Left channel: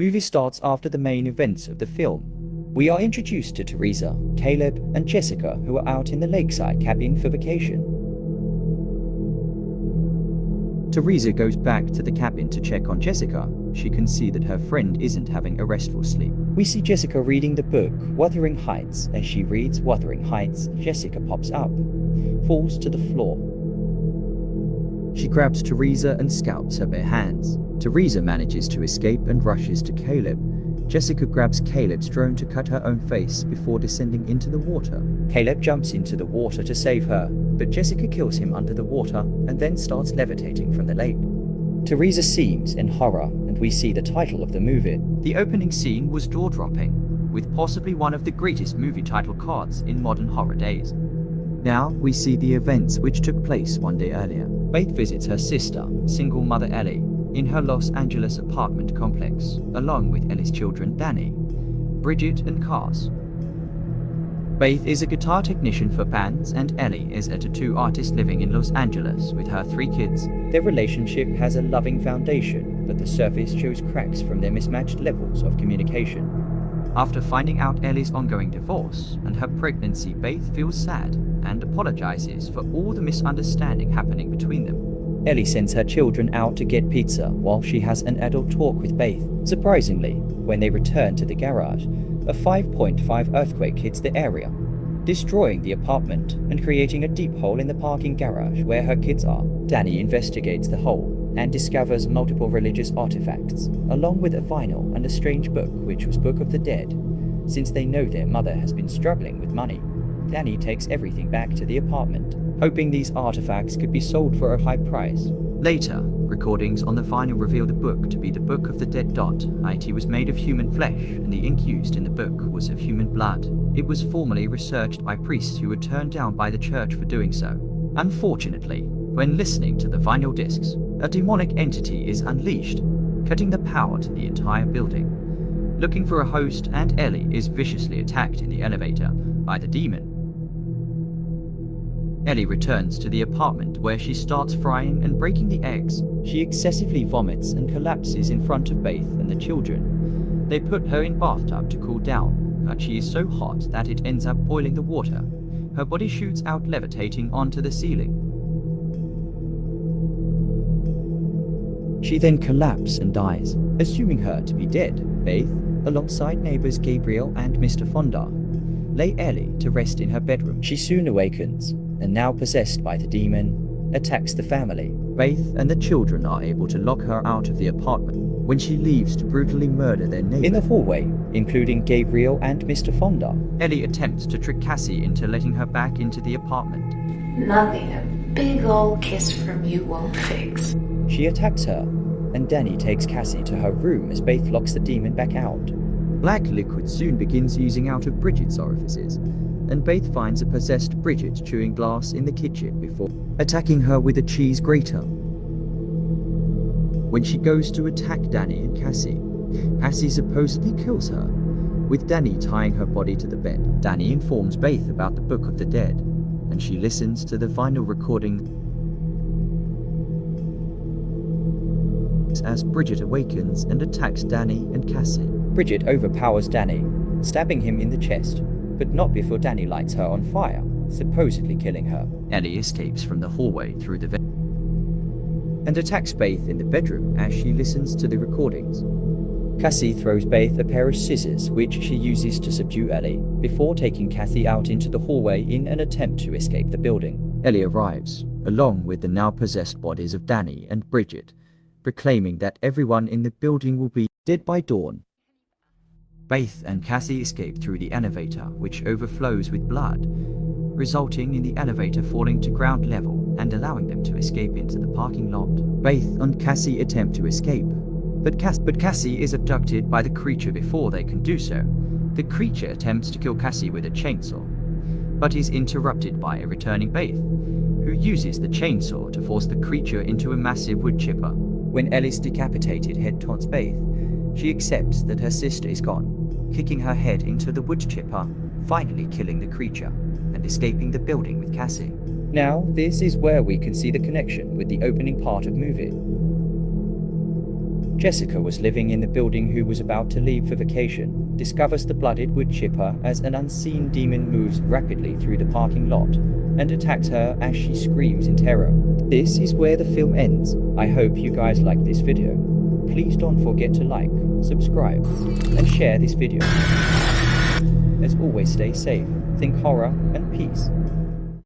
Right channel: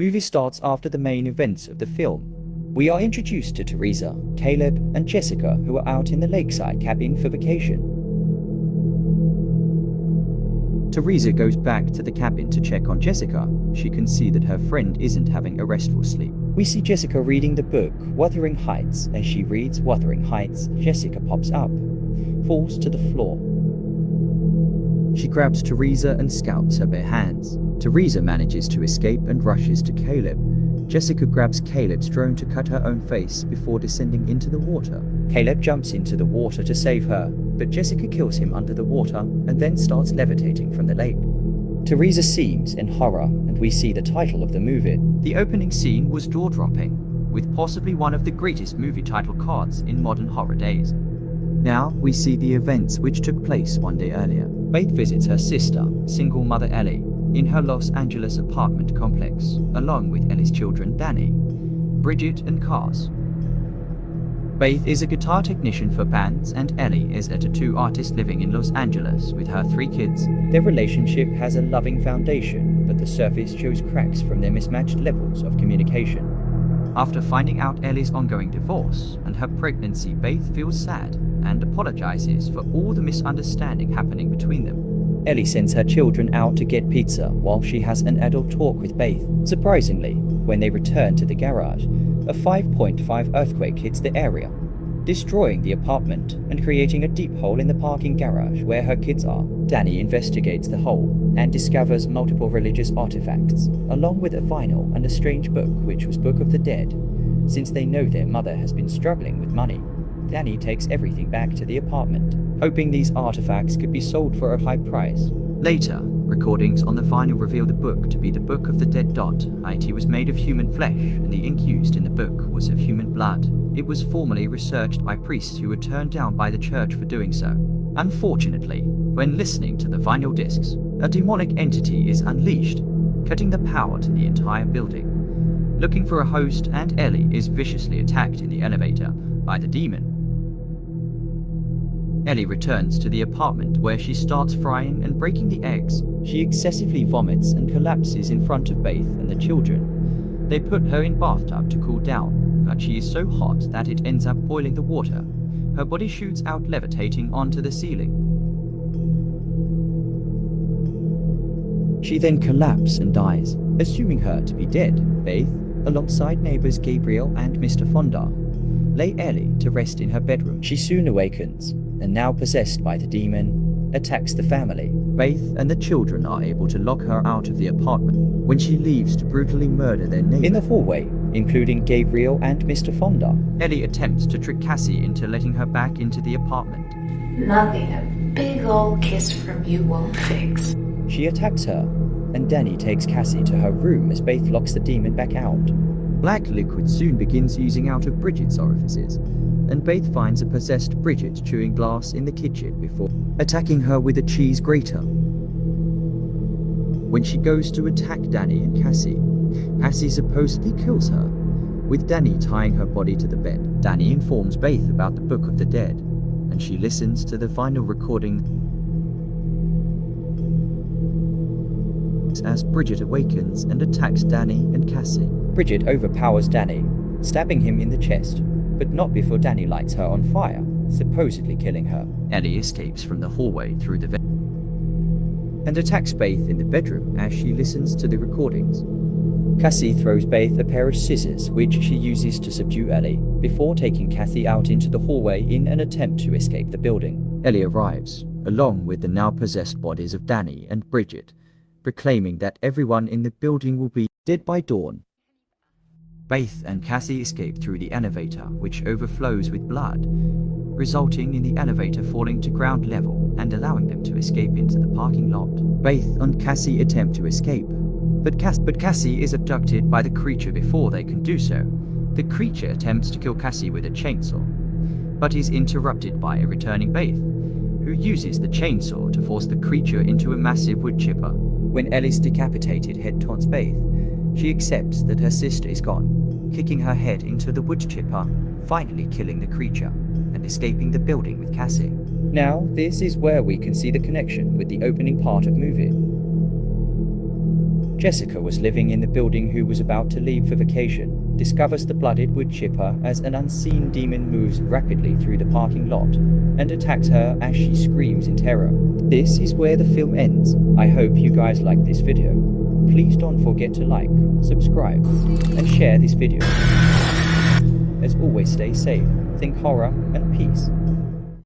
Movie starts after the main events of the film. We are introduced to Teresa, Caleb, and Jessica, who are out in the lakeside cabin for vacation. Teresa goes back to the cabin to check on Jessica. She can see that her friend isn't having a restful sleep. We see Jessica reading the book Wuthering Heights. As she reads Wuthering Heights, Jessica pops up, falls to the floor. She grabs Teresa and scalps her bare hands. Teresa manages to escape and rushes to Caleb. Jessica grabs Caleb's drone to cut her own face before descending into the water. Caleb jumps into the water to save her, but Jessica kills him under the water and then starts levitating from the lake. Teresa screams in horror, and we see the title of the movie. The opening scene was jaw-dropping, with possibly one of the greatest movie title cards in modern horror days. Now we see the events which took place one day earlier. Faith visits her sister, single mother Ellie, in her Los Angeles apartment complex, along with Ellie's children Danny, Bridget, and Cars. Faith is a guitar technician for bands, and Ellie is a tattoo artist living in Los Angeles with her 3 kids. Their relationship has a loving foundation, but the surface shows cracks from their mismatched levels of communication. After finding out Ellie's ongoing divorce and her pregnancy, Faith feels sad and apologizes for all the misunderstanding happening between them. Ellie sends her children out to get pizza while she has an adult talk with Faith. Surprisingly, when they return to the garage, a 5.5 earthquake hits the area, destroying the apartment and creating a deep hole in the parking garage where her kids are. Danny investigates the hole and discovers multiple religious artifacts, along with a vinyl and a strange book which was Book of the Dead. Since they know their mother has been struggling with money, Danny takes everything back to the apartment, hoping these artifacts could be sold for a high price. Later, recordings on the vinyl reveal the book to be the Book of the Dead. It was made of human flesh, and the ink used in the book was of human blood. It was formerly researched by priests who were turned down by the church for doing so. Unfortunately, when listening to the vinyl discs, a demonic entity is unleashed, cutting the power to the entire building. Looking for a host, and Ellie is viciously attacked in the elevator by the demon. Ellie returns to the apartment where she starts frying and breaking the eggs. She excessively vomits and collapses in front of Faith and the children. They put her in bathtub to cool down, but she is so hot that it ends up boiling the water. Her body shoots out levitating onto the ceiling. She then collapses and dies. Assuming her to be dead, Faith, alongside neighbors Gabriel and Mr. Fonda, lay Ellie to rest in her bedroom. She soon awakens, and now possessed by the demon, attacks the family. Faith and the children are able to lock her out of the apartment when she leaves to brutally murder their neighbor. In the hallway, including Gabriel and Mr. Fonda, Ellie attempts to trick Cassie into letting her back into the apartment. Nothing a big old kiss from you won't fix. She attacks her, and Danny takes Cassie to her room as Faith locks the demon back out. Black liquid soon begins oozing out of Bridget's orifices, and Faith finds a possessed Bridget chewing glass in the kitchen before attacking her with a cheese grater. When she goes to attack Danny and Cassie, Cassie supposedly kills her, with Danny tying her body to the bed. Danny informs Faith about the Book of the Dead, and she listens to the vinyl recording as Bridget awakens and attacks Danny and Cassie. Bridget overpowers Danny, stabbing him in the chest, but not before Danny lights her on fire, supposedly killing her. Ellie escapes from the hallway through the vent and attacks Faith in the bedroom as she listens to the recordings. Cassie throws Faith a pair of scissors which she uses to subdue Ellie, before taking Cassie out into the hallway in an attempt to escape the building. Ellie arrives, along with the now possessed bodies of Danny and Bridget, proclaiming that everyone in the building will be dead by dawn. Faith and Cassie escape through the elevator, which overflows with blood, resulting in the elevator falling to ground level and allowing them to escape into the parking lot. Faith and Cassie attempt to escape, but Cassie is abducted by the creature before they can do so. The creature attempts to kill Cassie with a chainsaw, but is interrupted by a returning Faith, who uses the chainsaw to force the creature into a massive wood chipper. When Ellie's decapitated head taunts Faith, she accepts that her sister is gone, kicking her head into the wood chipper, finally killing the creature, and escaping the building with Cassie. Now, this is where we can see the connection with the opening part of movie. Jessica was living in the building who was about to leave for vacation, discovers the blooded wood chipper as an unseen demon moves rapidly through the parking lot and attacks her as she screams in terror. This is where the film ends. I hope you guys like this video. Please don't forget to like, subscribe, and share this video. As always, stay safe, think horror, and peace.